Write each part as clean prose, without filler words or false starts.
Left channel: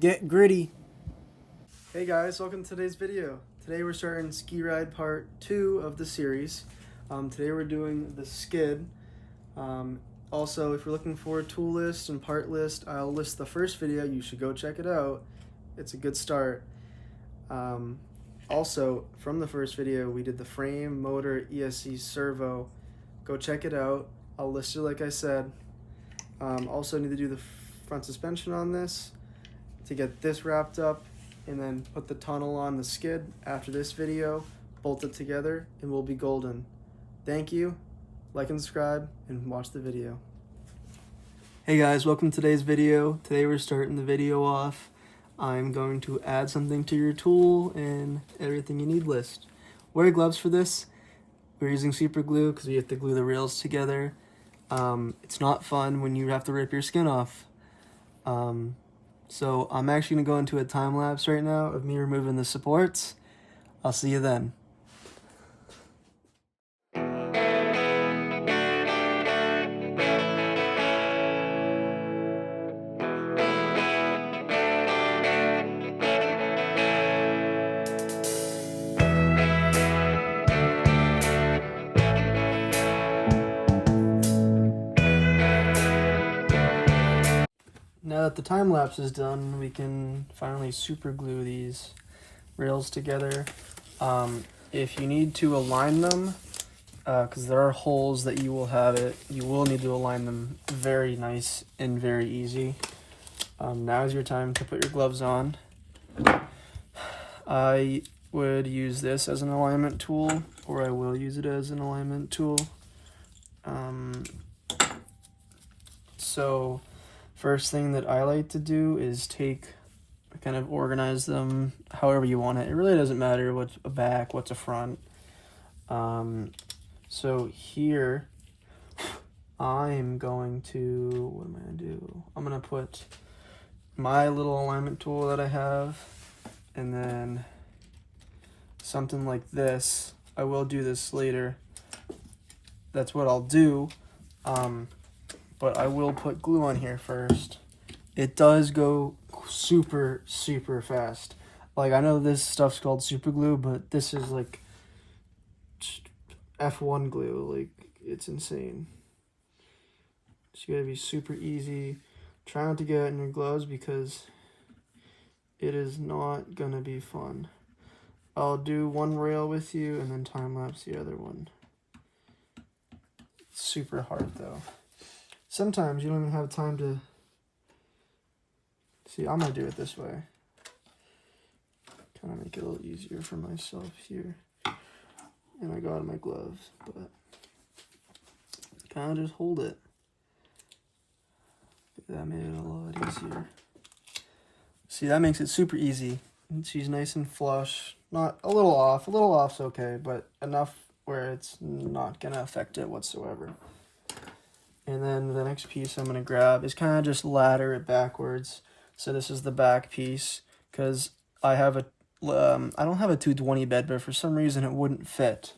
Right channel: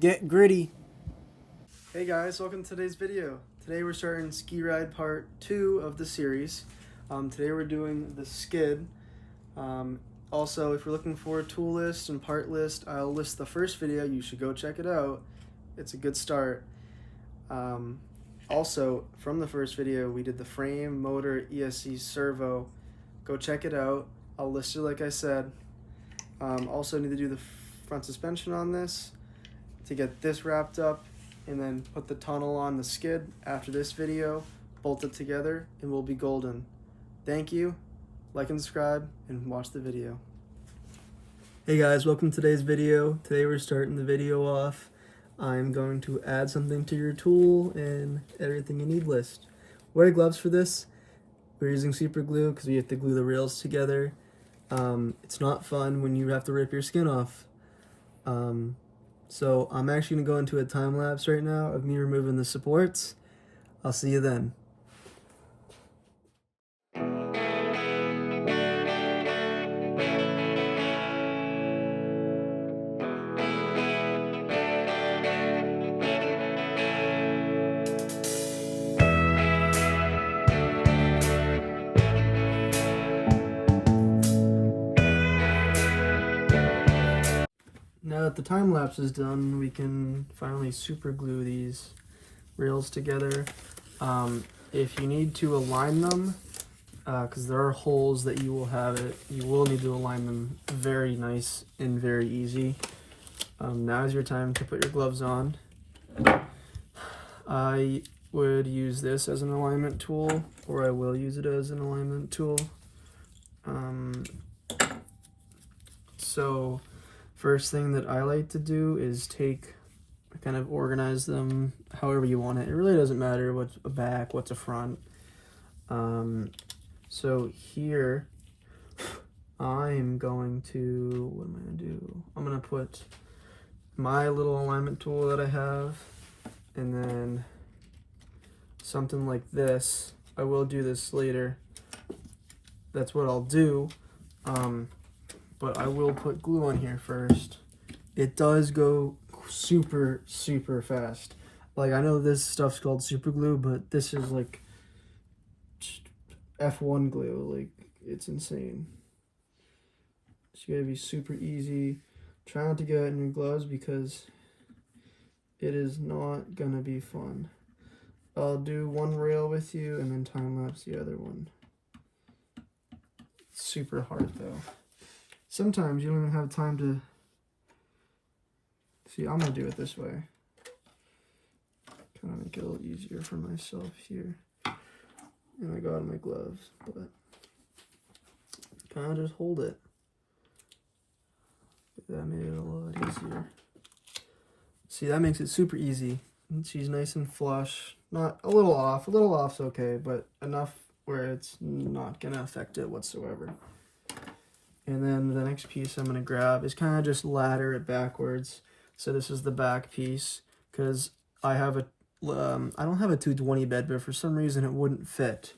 Get gritty. Hey guys, welcome to today's video. Today we're starting Skeeride part 2 of the series. Today we're doing the skid. Also, if you're looking for a tool list and part list, I'll list the first video. You should go check it out. It's a good start. Also, from the first video, we did the frame, motor, ESC, servo. Go check it out. I'll list it like I said. Also need to do the front suspension on this to get this wrapped up, and then put the tunnel on the skid after this video, bolt it together, and we'll be golden. Thank you, like and subscribe, and watch the video. Hey guys, welcome to today's video. Today we're starting the video off. I'm going to add something to your tool and everything you need list. Wear gloves for this. We're using super glue because we have to glue the rails together. It's not fun when you have to rip your skin off. So I'm actually going to go into a time lapse right now of me removing the supports. I'll see you then. Now that the time lapse is done, we can finally super glue these rails together. If you need to align them, because there are holes that you will need to align them very nice and very easy. Now is your time to put your gloves on. I would use this as an alignment tool, or I will use it as an alignment tool. So first thing that I like to do is kind of organize them however you want it. It really doesn't matter what's a back, what's a front. So here, I'm going to, what am I going to do? I'm going to put my little alignment tool that I have, and then something like this. I will do this later. That's what I'll do. But I will put glue on here first. It does go super, super fast. Like, I know this stuff's called super glue, but this is like F1 glue. Like, it's insane. It's gotta be super easy. Try not to get it in your gloves because it is not gonna be fun. I'll do one rail with you and then time lapse the other one. It's super hard though. Sometimes you don't even have time to see. I'm gonna do it this way. Kind of make it a little easier for myself here. And I got my gloves, but kind of just hold it. That made it a lot easier. See, that makes it super easy. And she's nice and flush. Not a little off. A little off's okay, but enough where it's not gonna affect it whatsoever. And then the next piece I'm going to grab is kind of just ladder it backwards. So this is the back piece, because I have I don't have a 220 bed, but for some reason it wouldn't fit.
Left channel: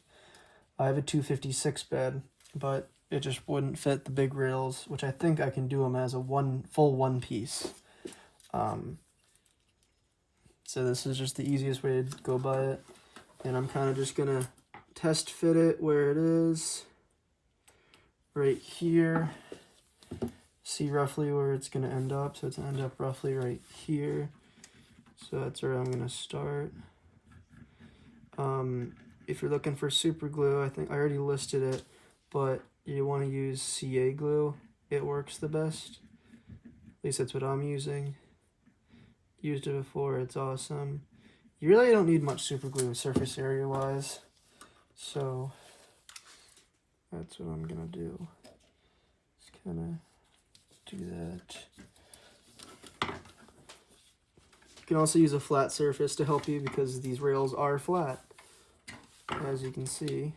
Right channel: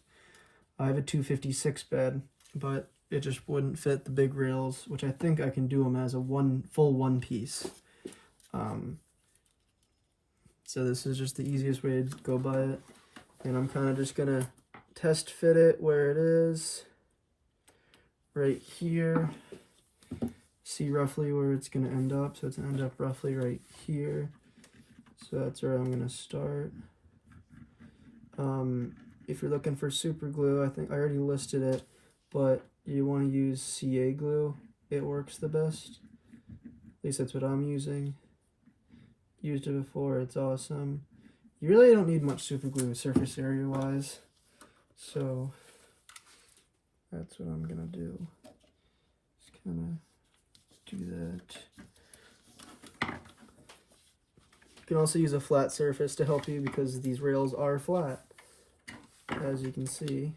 I have a 256 bed, but it just wouldn't fit the big rails, which I think I can do them as a full one piece. So this is just the easiest way to go by it. And I'm kind of just going to test fit it where it is. Right here, see roughly where it's going to end up. So it's going to end up roughly right here. So that's where I'm going to start. If you're looking for super glue, I think I already listed it, but you want to use CA glue. It works the best. At least that's what I'm using. Used it before, it's awesome. You really don't need much super glue surface area wise. So that's what I'm gonna do. Just kind of do that. You can also use a flat surface to help you because these rails are flat, as you can see.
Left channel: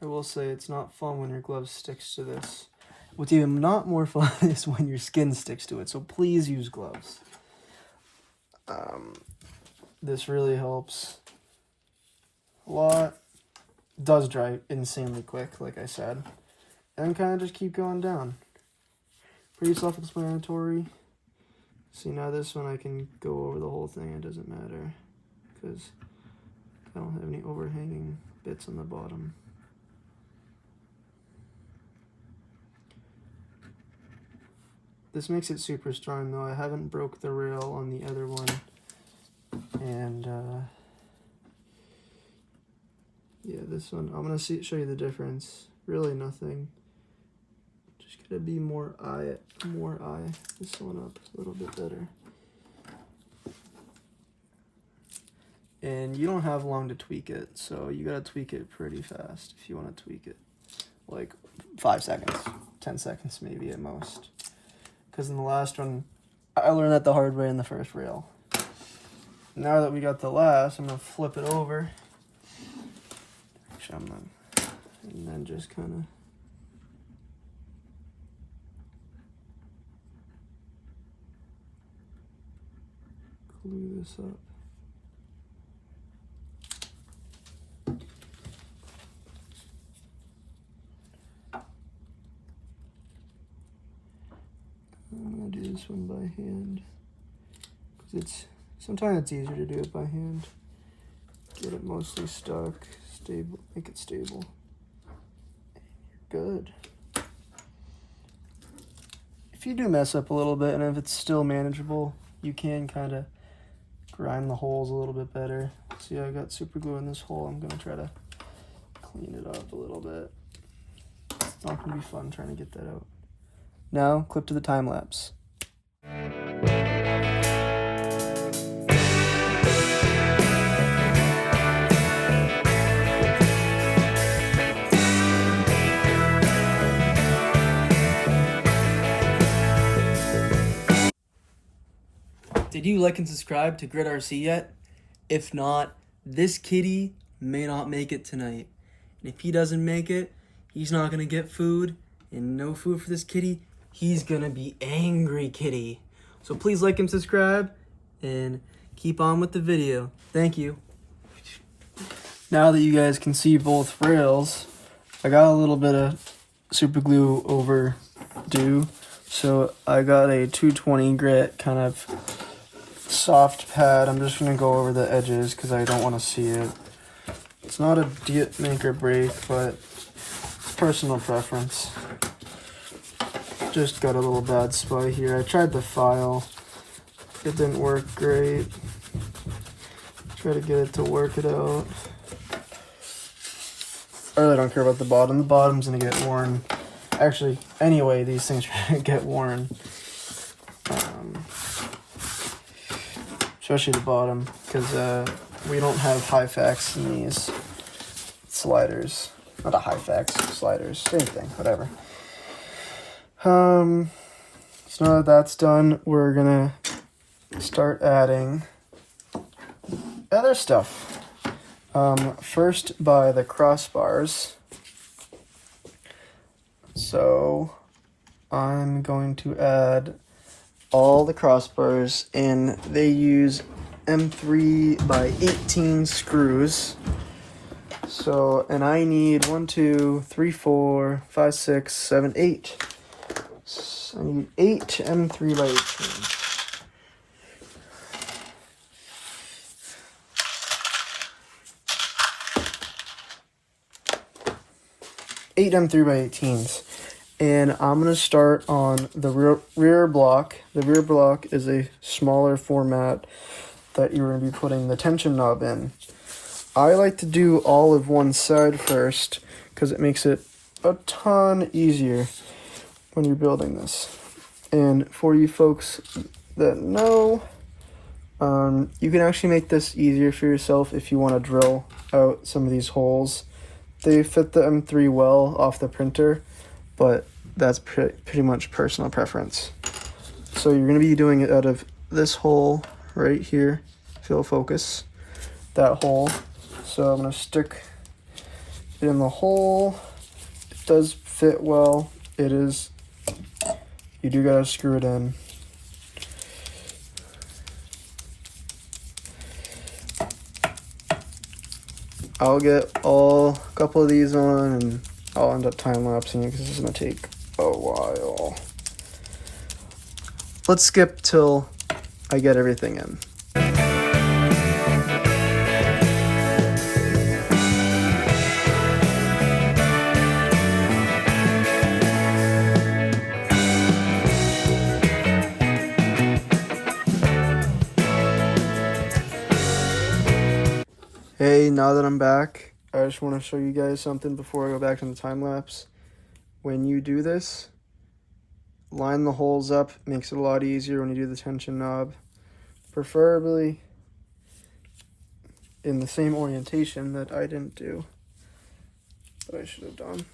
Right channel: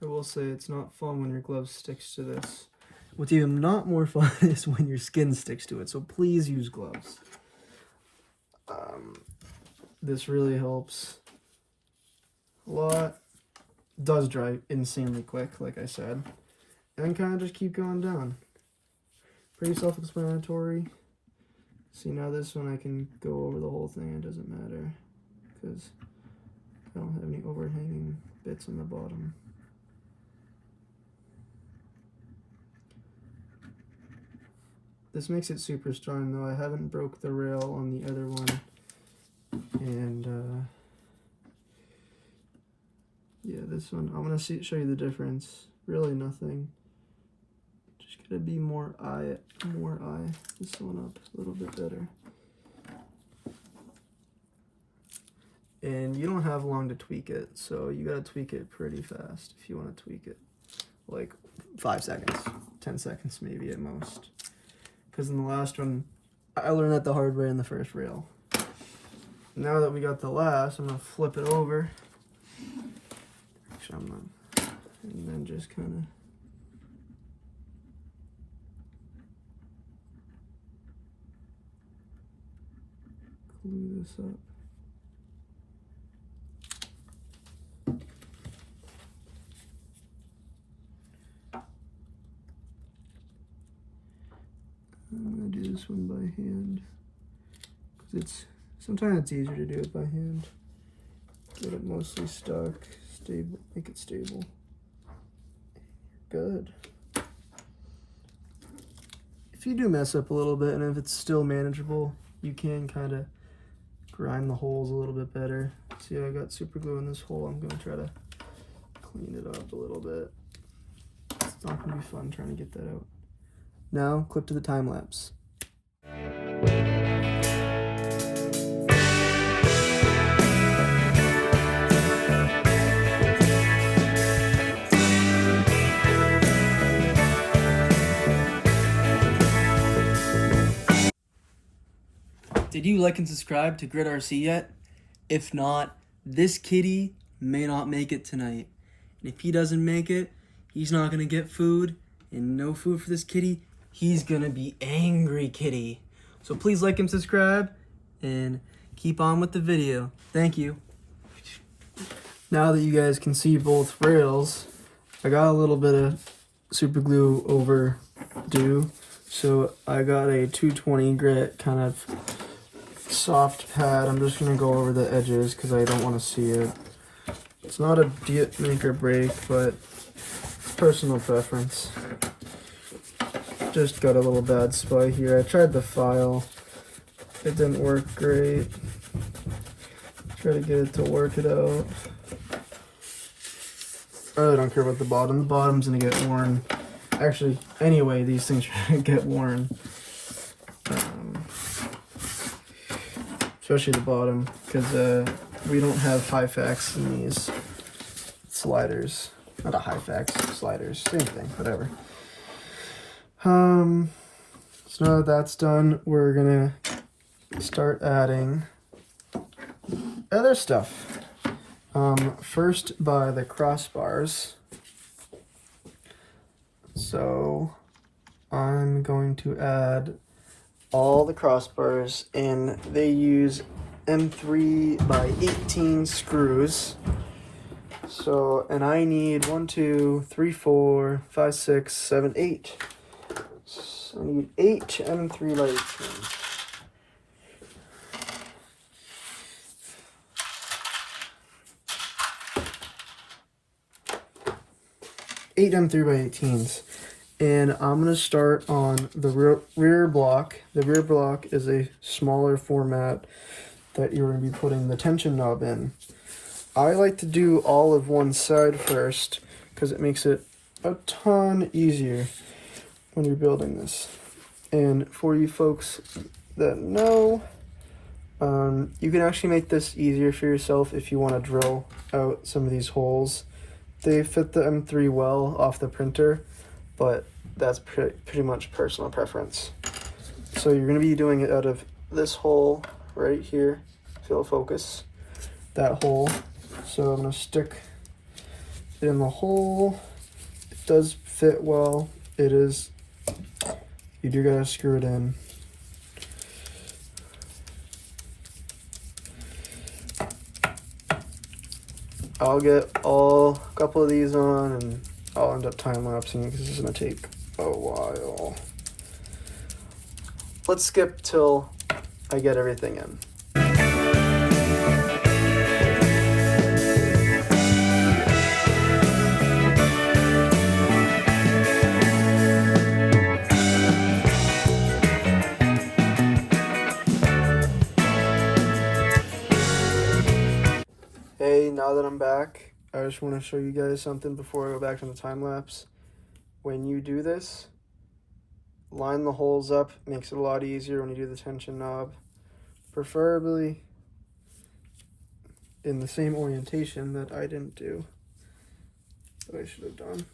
I will say it's not fun when your glove sticks to this. What's even not more fun is when your skin sticks to it, so please use gloves. This really helps a lot. Does dry insanely quick, like I said. And kind of just keep going down. Pretty self-explanatory. See, now this one I can go over the whole thing, it doesn't matter, because I don't have any overhanging bits on the bottom. This makes it super strong though. I haven't broke the rail on the other one. And yeah, this one, I'm gonna show you the difference. Really nothing. Just gotta be more eye this one up a little bit better. And you don't have long to tweak it, so you gotta tweak it pretty fast if you wanna tweak it. Like 5 seconds, 10 seconds maybe at most. Because in the last one, I learned that the hard way in the first rail. Now that we got the last, I'm gonna flip it over. Actually, and then just kind of glue this up. I'm gonna do this one by hand because sometimes it's easier to do it by hand. Get it mostly stuck, stable, make it stable. Good. If you do mess up a little bit and if it's still manageable, you can kind of grind the holes a little bit better. See how I got super glue in this hole? I'm gonna try to clean it up a little bit. It's not gonna be fun trying to get that out. Now, clip to the time lapse. Did you like and subscribe to Grid RC yet? If not, this kitty may not make it tonight. And if he doesn't make it, he's not gonna get food, and no food for this kitty. He's gonna be angry kitty. So please like and subscribe and keep on with the video. Thank you. Now that you guys can see both rails, I got a little bit of super glue overdue. So I got a 220 grit kind of soft pad. I'm just gonna go over the edges because I don't want to see it. It's not a make or break, but it's personal preference. Just got a little bad spot here. I tried the file. It didn't work great. Try to get it to work it out. I really don't care about the bottom. The bottom's gonna get worn. Actually, anyway, these things are gonna get worn. Especially the bottom, because we don't have high facts in these sliders. Not a high facts, sliders. Same thing, whatever. So now that that's done, we're gonna start adding other stuff. First by the crossbars. So I'm going to add all the crossbars, and they use M3 by 18 screws. So, and I need 1, 2, 3, 4, 5, 6, 7, 8. I need 8 M3 by 18. Eight M3 by 18s. And I'm going to start on the rear block. The rear block is a smaller format that you're going to be putting the tension knob in. I like to do all of one side first because it makes it a ton easier when you're building this. And for you folks that know, you can actually make this easier for yourself if you want to drill out some of these holes. They fit the M3 well off the printer, but that's pretty much personal preference. So you're going to be doing it out of this hole right here, if you'll focus, that hole. So I'm going to stick it in the hole. It does fit well. It is, you do got to screw it in. I'll get a couple of these on, and I'll end up time-lapsing it because this is going to take a while. Let's skip till I get everything in. Hey, now that I'm back, I just want to show you guys something before I go back to the time lapse. When you do this, line the holes up, makes it a lot easier when you do the tension knob. Preferably in the same orientation that I didn't do, that I should have done.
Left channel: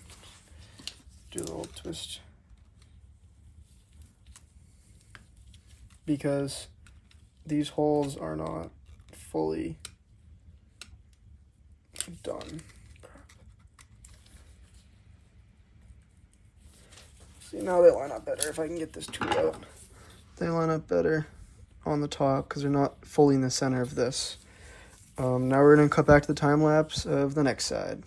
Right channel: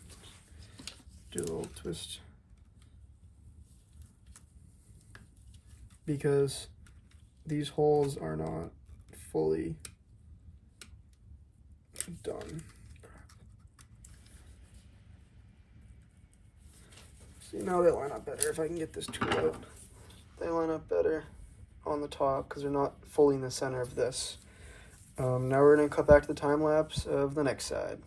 Do a little twist. Because these holes are not fully done. See, now they line up better. If I can get this tool out, they line up better on the top because they're not fully in the center of this. Now we're going to cut back to the time lapse of the next side.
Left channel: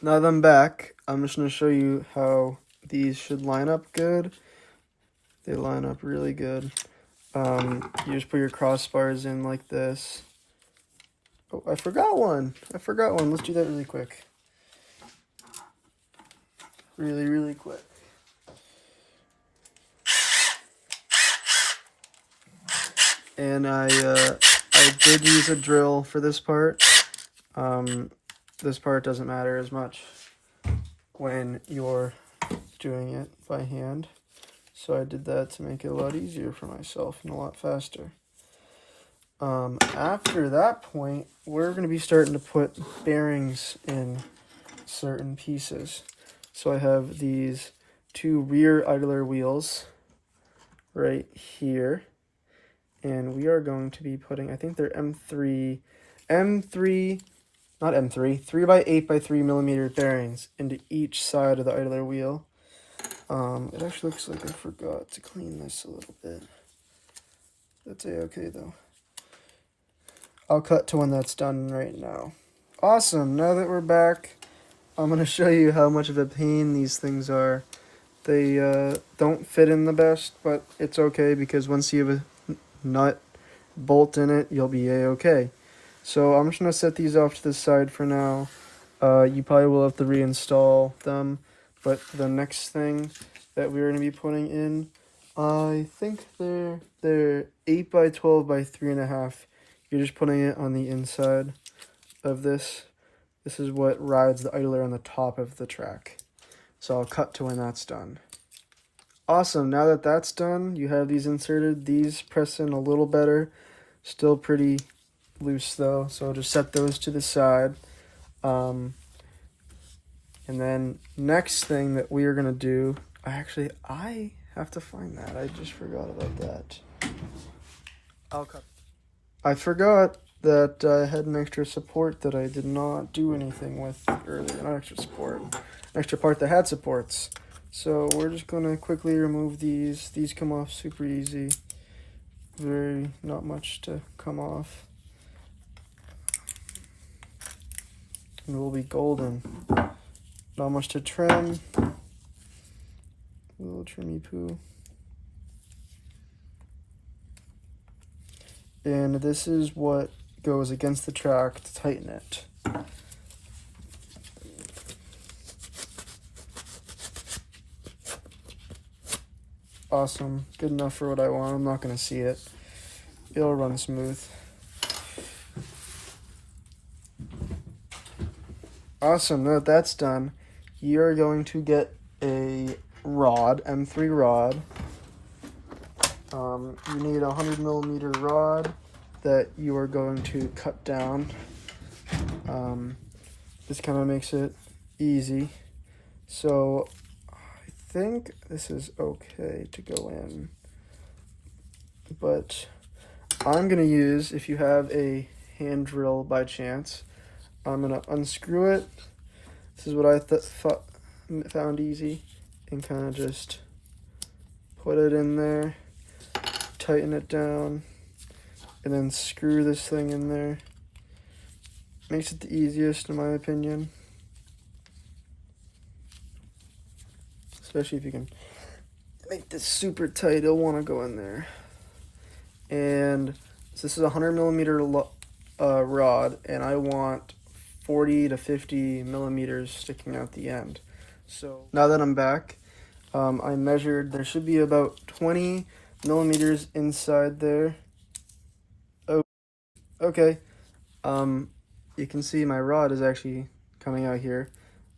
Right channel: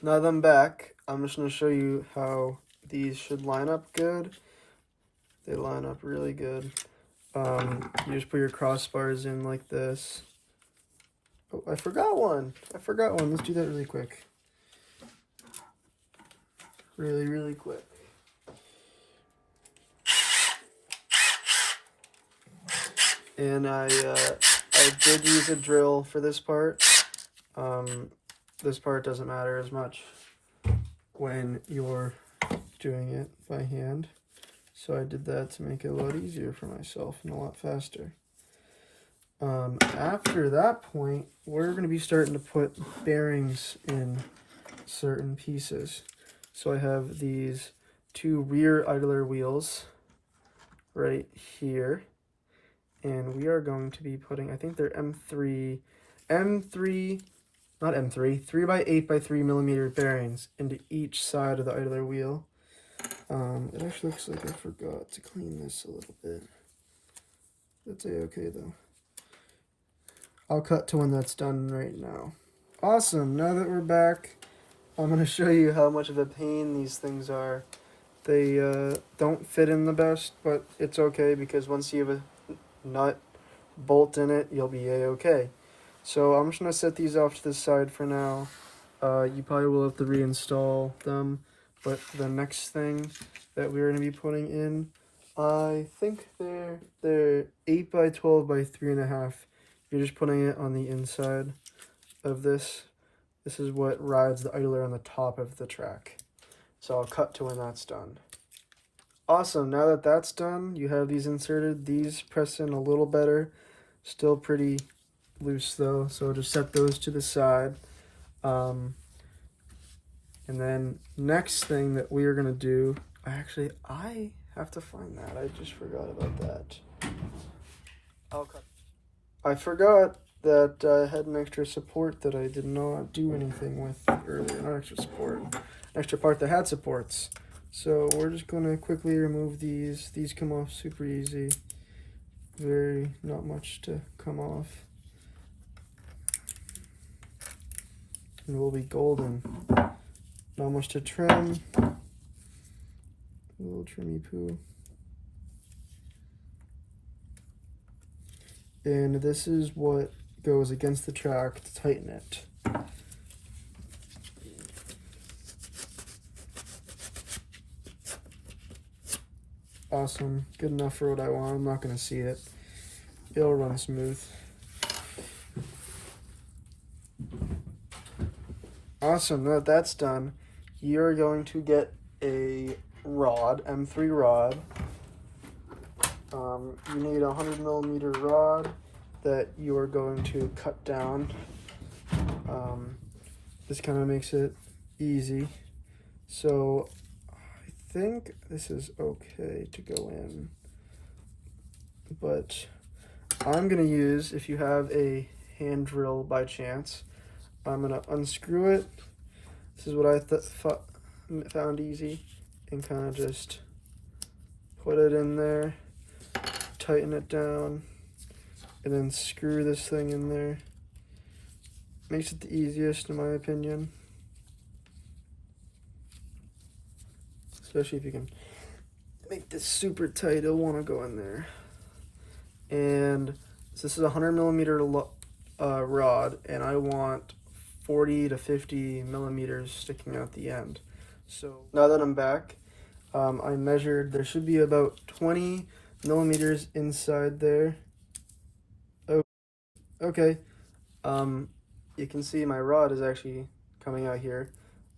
Now that I'm back, I'm just going to show you how these should line up good. They line up really good. You just put your crossbars in like this. Oh, I forgot one. Let's do that really quick. Really quick. And I did use a drill for this part. This part doesn't matter as much when you're doing it by hand. So I did that to make it a lot easier for myself and a lot faster. After that point, we're going to be starting to put bearings in certain pieces. So I have these two rear idler wheels right here. And we are going to be putting, I think they're M3, not M3, 3x8x3 millimeter bearings into each side of the idler wheel. It actually looks like I forgot to clean this a little bit. That's a-okay though. I'll cut to when that's done right now. Awesome, now that we're back, I'm going to show you how much of a pain these things are. They don't fit in the best, but it's okay because once you have a nut bolt in it, you'll be a-okay. So I'm just going to set these off to the side for now. You probably will have to reinstall them, but the next thing that we're going to be putting in, I think they're 8x12 by 3.5. You're just putting it on the inside of this. This is what rides the idler on the top of the track. So I'll cut to when that's done. Awesome, now that that's done, you have these inserted. These press in a little better. Still pretty loose though, so just set those to the side. And then next thing that we are going to do, I have to find that. I just forgot about that. I forgot that I had an extra support that I did not do anything with earlier. Not extra support, an extra part that had supports. So we're just going to quickly remove these. These come off super easy. Not much to come off. And we'll be golden. Not much to trim. A little trimmy poo. And this is what goes against the track to tighten it. Awesome. Good enough for what I want. I'm not going to see it. It'll run smooth. Awesome. Now that that's done, you're going to get a rod, M3 rod. You need a 100 millimeter rod that you are going to cut down. This kind of makes it easy. So I think this is okay to go in, but I'm gonna use, if you have a hand drill by chance, I'm gonna unscrew it. This is what I found easy, and kind of just put it in there, tighten it down, and then screw this thing in there. Makes it the easiest in my opinion. Especially if you can make this super tight, it'll want to go in there. And so this is a 100mm rod, and I want 40 to 50 millimeters sticking out the end. So now that I'm back, I measured, there should be about 20 millimeters inside there. Oh, okay. You can see my rod is actually coming out here.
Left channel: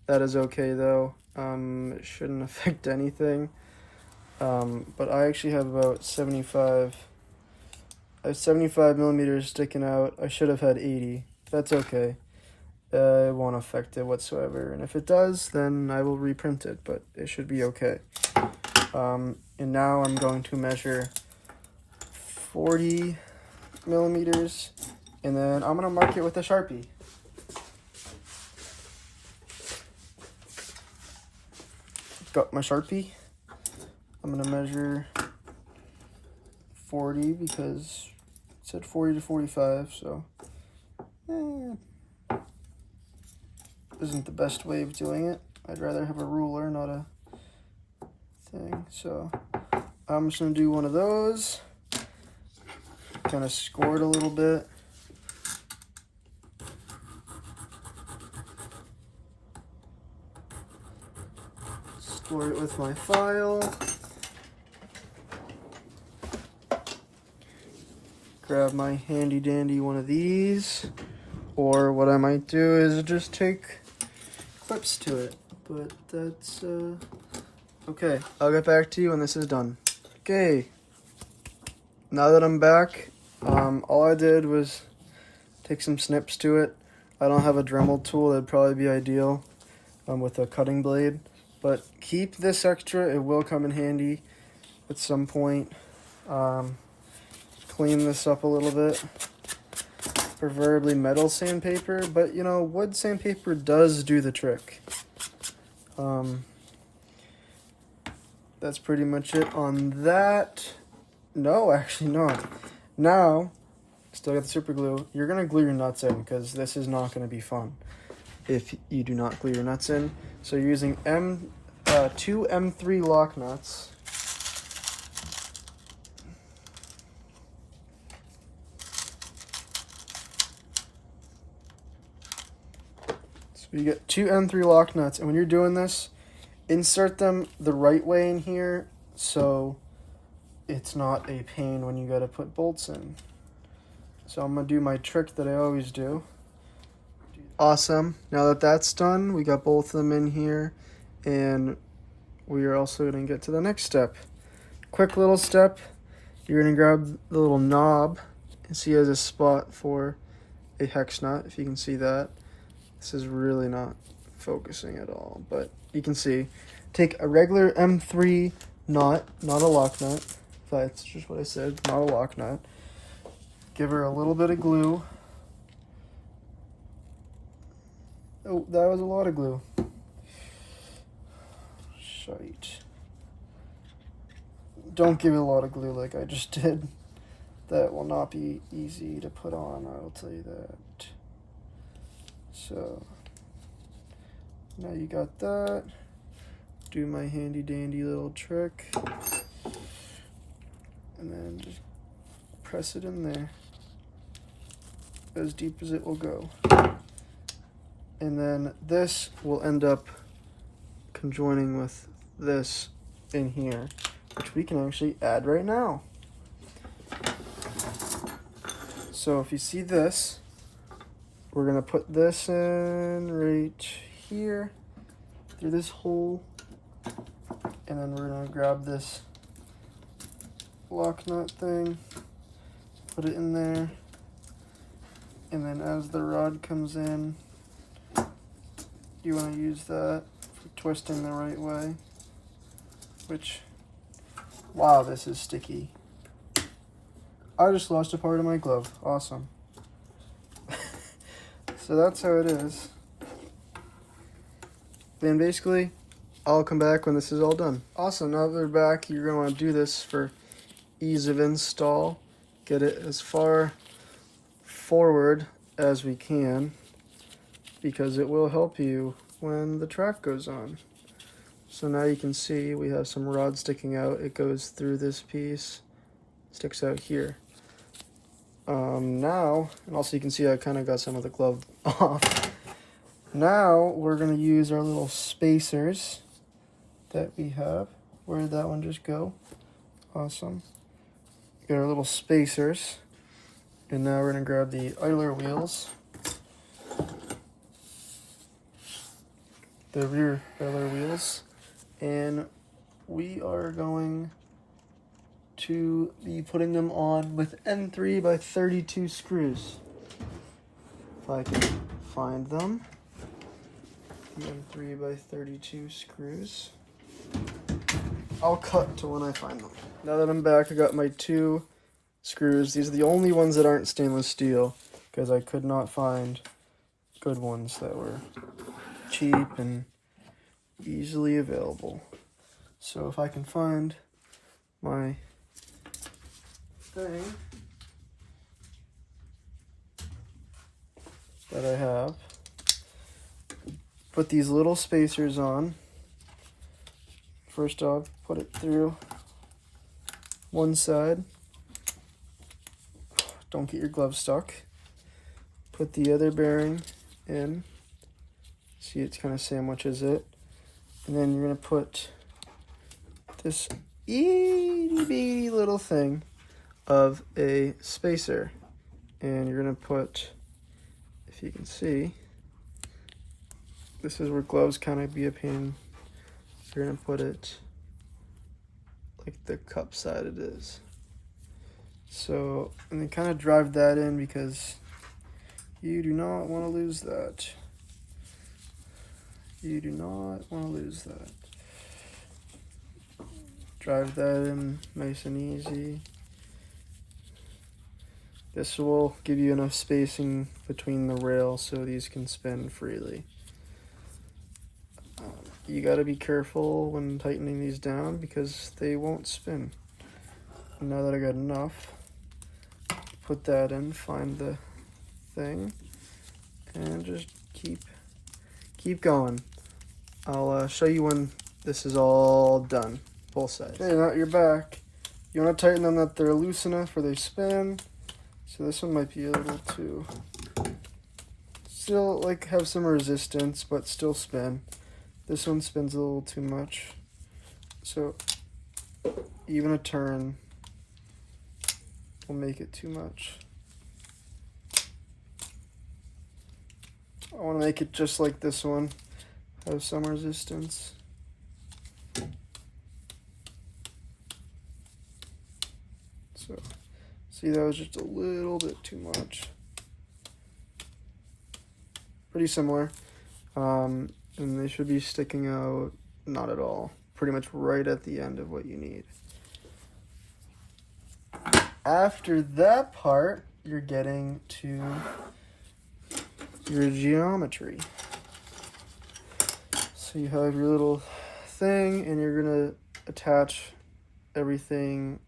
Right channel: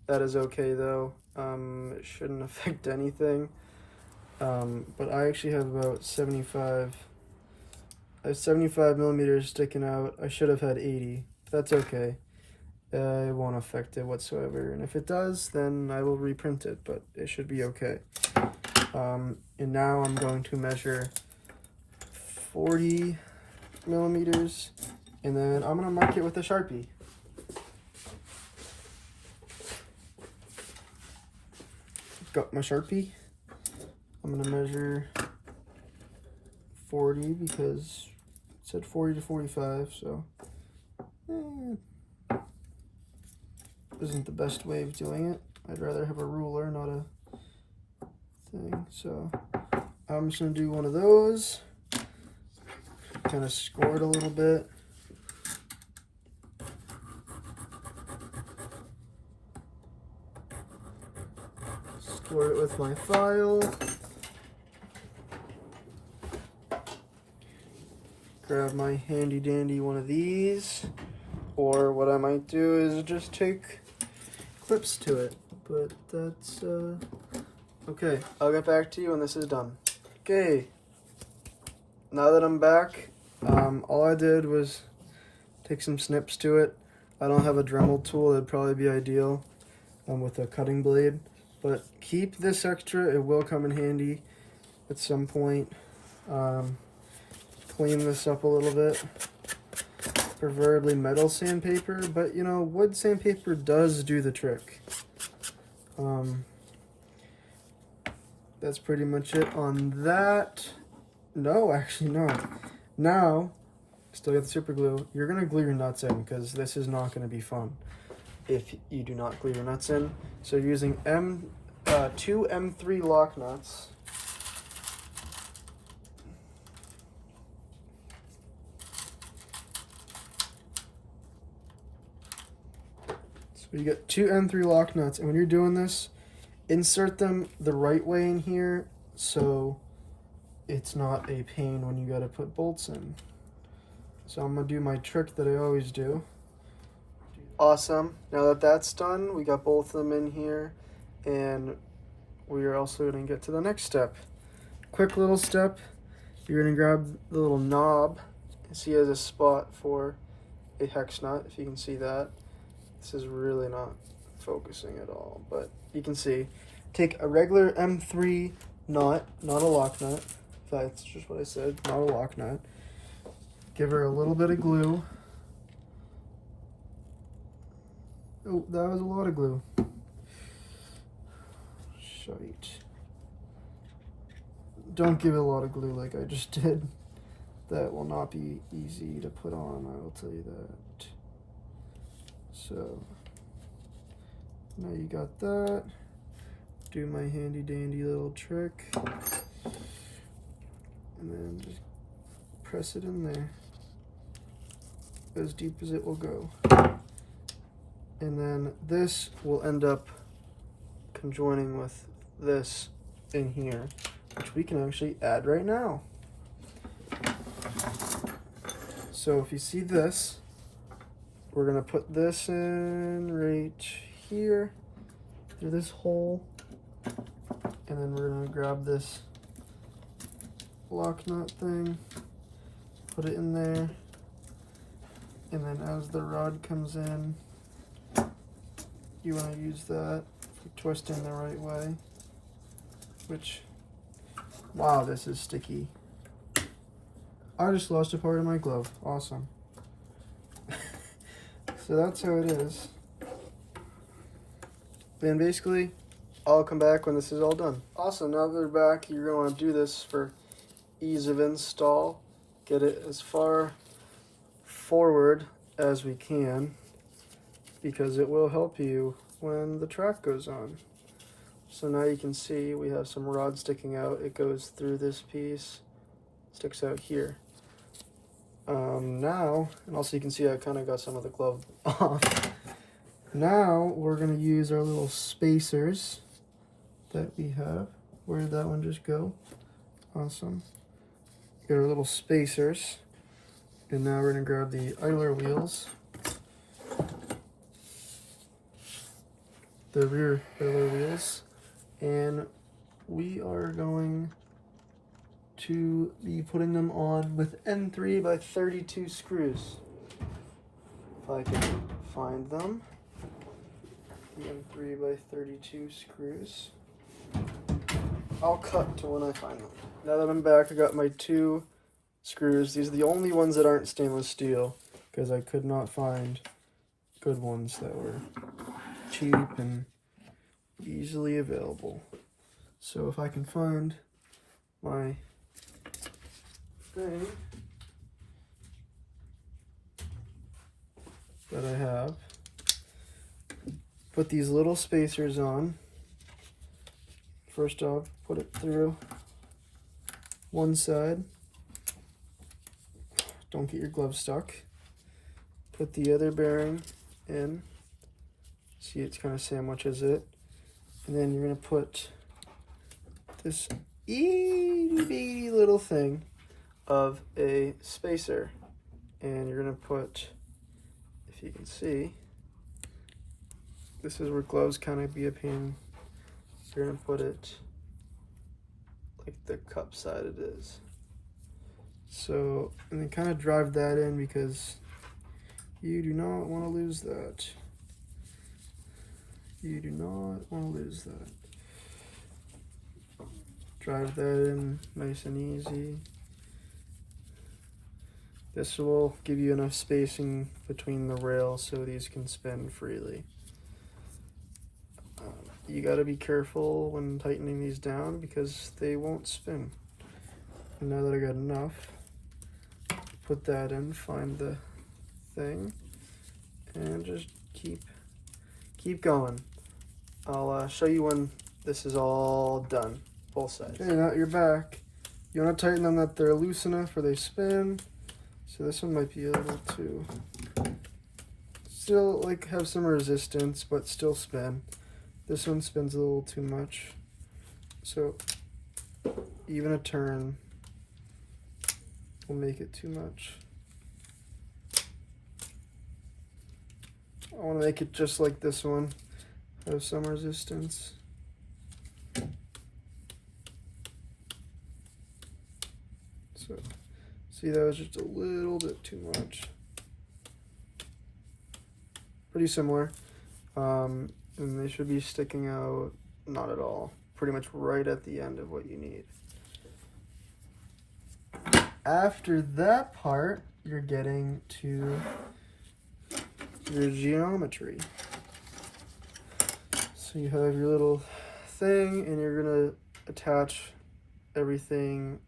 That is okay though. It shouldn't affect anything. But I actually have about 75 millimeters sticking out. I should have had 80. That's okay. It won't affect it whatsoever. And if it does, then I will reprint it, but it should be okay. And now I'm going to measure 40 millimeters, and then I'm gonna mark it with a Sharpie. Got my Sharpie. I'm gonna measure 40 because it said 40 to 45, so isn't the best way of doing it. I'd rather have a ruler, not a thing. So I'm just gonna do one of those, kind of score it a little bit. Score it with my file. Grab my handy dandy one of these, or what I might do is just take clips to it, but that's okay. I'll get back to you when this is done. Okay, now that I'm back, all I did was take some snips to it. I don't have a Dremel tool. That'd probably be ideal with a cutting blade, but keep this extra. It will come in handy at some point. Clean this up a little bit, preferably metal sandpaper, but you know, wood sandpaper does do the trick. That's pretty much it on that. No, actually not. Now, still got the super glue. You're gonna glue your nuts in because this is not gonna be fun if you do not glue your nuts in. So you're using two M3 lock nuts. You get two M3 lock nuts, and when you're doing this, insert them the right way in here so it's not a pain when you gotta put bolts in. So I'm gonna do my trick that I always do. Awesome. Now that that's done, we got both of them in here, and we are also gonna get to the next step. Quick little step. You're gonna grab the little knob, and see it has a spot for a hex nut, if you can see that. This is really not focusing at all, but you can see. Take a regular M3 nut, not a lock nut. That's just what I said, not a lock nut. Give her a little bit of glue. Oh, that was a lot of glue. Shite. Don't give it a lot of glue like I just did. That will not be easy to put on, I will tell you that. So, now you got that. Do my handy dandy little trick. And then just press it in there. As deep as it will go. And then this will end up conjoining with this in here, which we can actually add right now. So if you see this, we're gonna put this in right here through this hole, and then we're gonna grab this lock nut thing, put it in there, and then as the rod comes in, you want to use that for twisting the right way. which, wow, this is sticky. I just lost a part of my glove. Awesome. So that's how it is. And basically, I'll come back when this is all done. Awesome, now that we're back, you're gonna wanna do this for ease of install. Get it as far forward as we can, because it will help you when the track goes on. So now you can see we have some rod sticking out. It goes through this piece, sticks out here. Now, and also you can see I kind of got some of the glove off. Now we're going to use our little spacers that we have. Where did that one just go? Awesome. Got our little spacers. And now we're going to grab the idler wheels. The rear idler wheels. And we are going to be putting them on with N3 by 32 screws. If I can find them. N3 by 32 screws. I'll cut to when I find them. Now that I'm back, I got my 2 screws. These are the only ones that aren't stainless steel, because I could not find good ones that were cheap and easily available. So if I can find my thing that I have, put these little spacers on. First off, put it through one side. Don't get your glove stuck. Put the other bearing in. See, it kind of sandwiches it. And then you're going to put this itty bitty little thing of a spacer. And you're going to put, if you can see, this is where gloves kind of be a pain. So you're going to put it like the cup side it is. So, and then kind of drive that in, because you do not want to lose that. You do not want to lose that. Drive that in nice and easy. This will give you enough spacing between the rails so these can spin freely. You got to be careful when tightening these down, because they won't spin. And now that I got enough, put that in, find the thing, and just keep going. I'll show you when this is all done, both sides. Okay, now you're back. You want to tighten them that they're loose enough where they spin. So this one might be a little too, still like have some resistance, but still spin. This one spins a little too much. So even a turn will make it too much. I want to make it just like this one, have some resistance. So, see, that was just a little bit too much. Pretty similar. And they should be sticking out, not at all. Pretty much right at the end of what you need. After that part, you're getting to your geometry. So you have your little thing, and you're gonna attach everything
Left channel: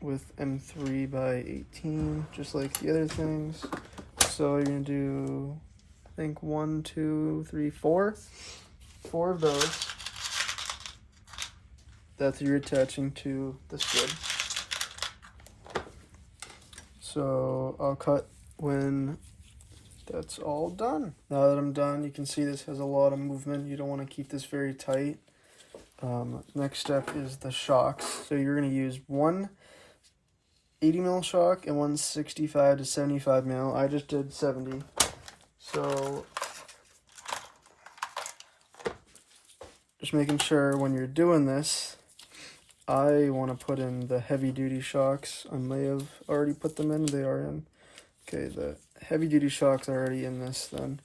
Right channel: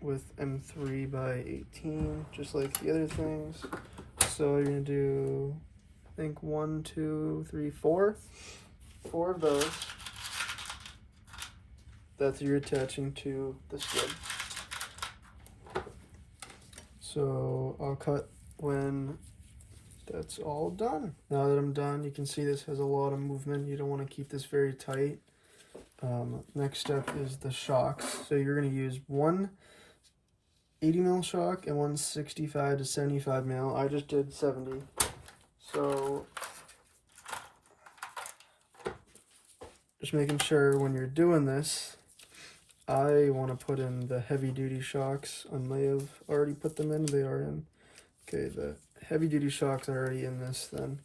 with M3 by 18, just like the other things. So you're gonna do, I think 1, 2, 3, 4 of those that you're attaching to this wood. So I'll cut when that's all done. Now that I'm done, you can see this has a lot of movement. You don't want to keep this very tight. Next step is the shocks. So you're going to use one 80 mil shock and one 65 to 75 mil. I just did 70. So just making sure when you're doing this, I want to put in the heavy duty shocks. I may have already put them in. They are in. Okay, the heavy duty shocks are already in this then.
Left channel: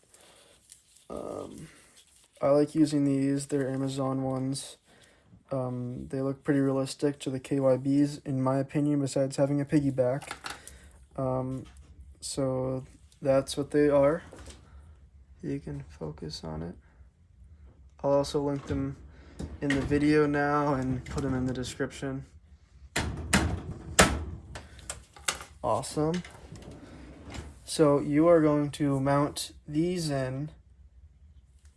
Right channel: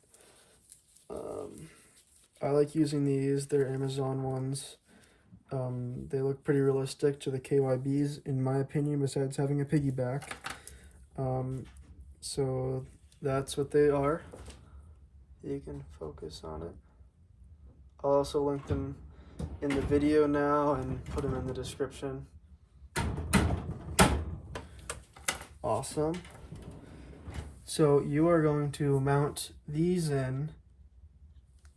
I like using these. They're Amazon ones. They look pretty realistic to the KYBs, in my opinion, besides having a piggyback. So that's what they are. You can focus on it. I'll also link them in the video now and put them in the description. Awesome. So you are going to mount these in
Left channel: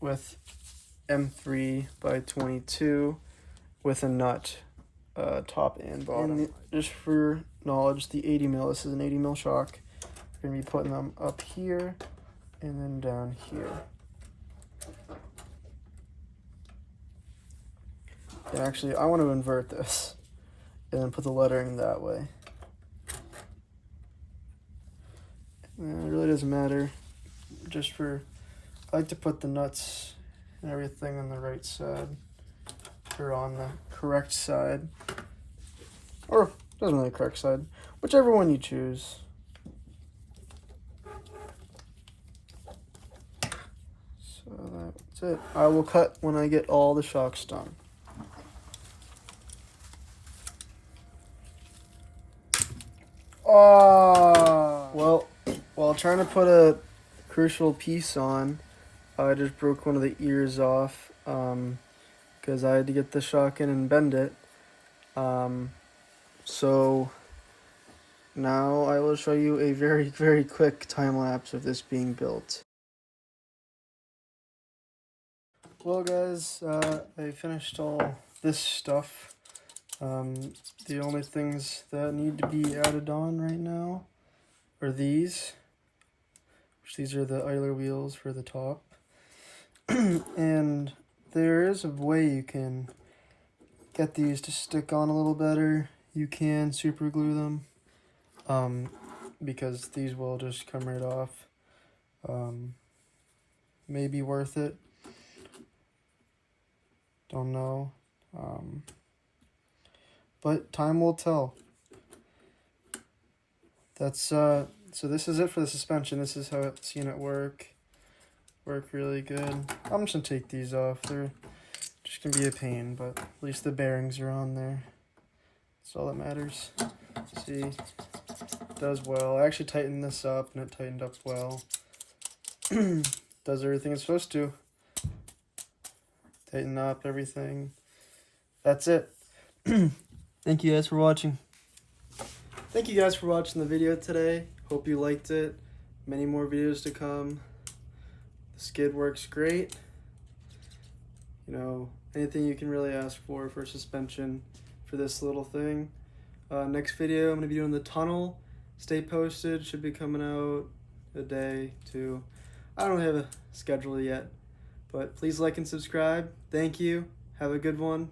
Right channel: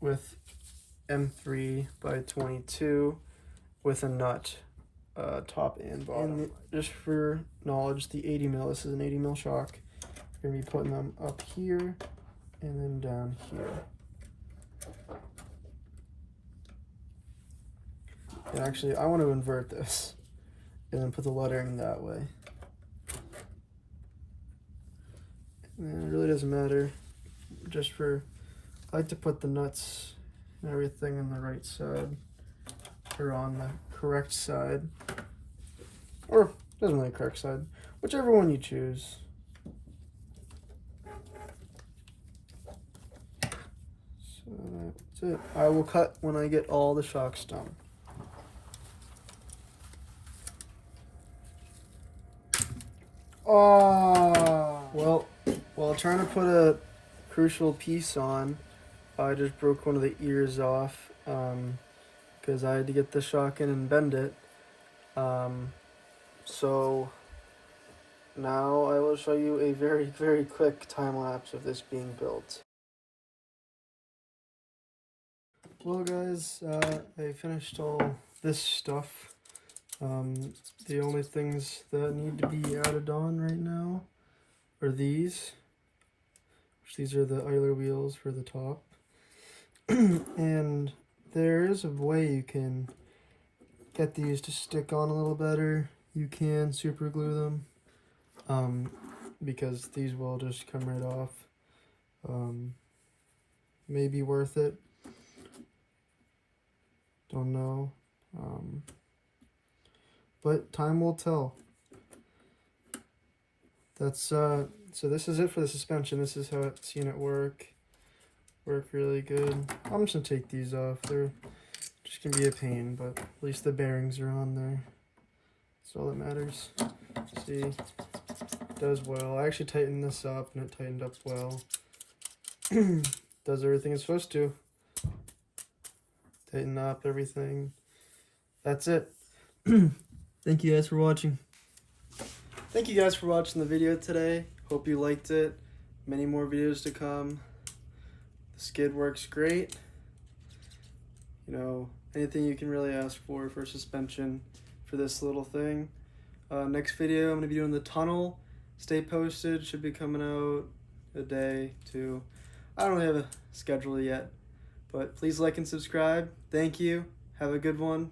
with M3 by 22 with a nut, top and bottom. And just for your knowledge, the 80 mil, this is an 80 mil shock. We're gonna be putting them up here and then down here. And actually, I want to invert this and then put the lettering that way. And it really doesn't matter. Just for, I like to put the nuts and everything on the right side or on the correct side, or doesn't really correct side, whichever one you choose. So that's it. I will cut when I get all the shocks done. Oh, well, while trying to put a crucial piece on, I just broke one of the ears off because I had to get the shock in and bend it. So now I will show you a very, very quick time lapse of this being built. Well guys, I finished all this stuff. The only things that need to be added on right now are these, which these are the idler wheels for the top. And there is a way you can get these to stick on a little better. You can super glue them, because these will just come right off. Maybe worth it. Don't know. But time will tell. That's so this is it for the suspension. This is how I've seen it work really good. I'm just gonna take these off. They're just gonna be a pain, but at least the bearings are on there. That's all that matters. See, it does well. I actually tightened this up and it tightened up well. Does everything it's supposed to. Tighten up everything. That's it. Thank you guys for watching. Thank you guys for watching the video today. Hope you liked it. Many more videos to come. The skid works great. You know, anything you can really ask for suspension for this little thing. Next video, I'm going to be doing the tunnel. Stay posted. Should be coming out a day, 2. I don't really have a schedule yet. But please like and subscribe. Thank you. Have a good one.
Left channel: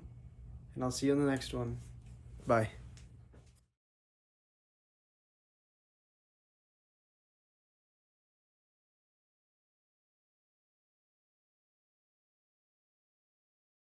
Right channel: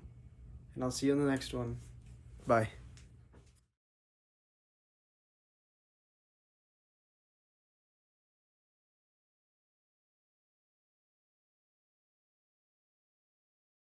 And I'll see you in the next one. Bye.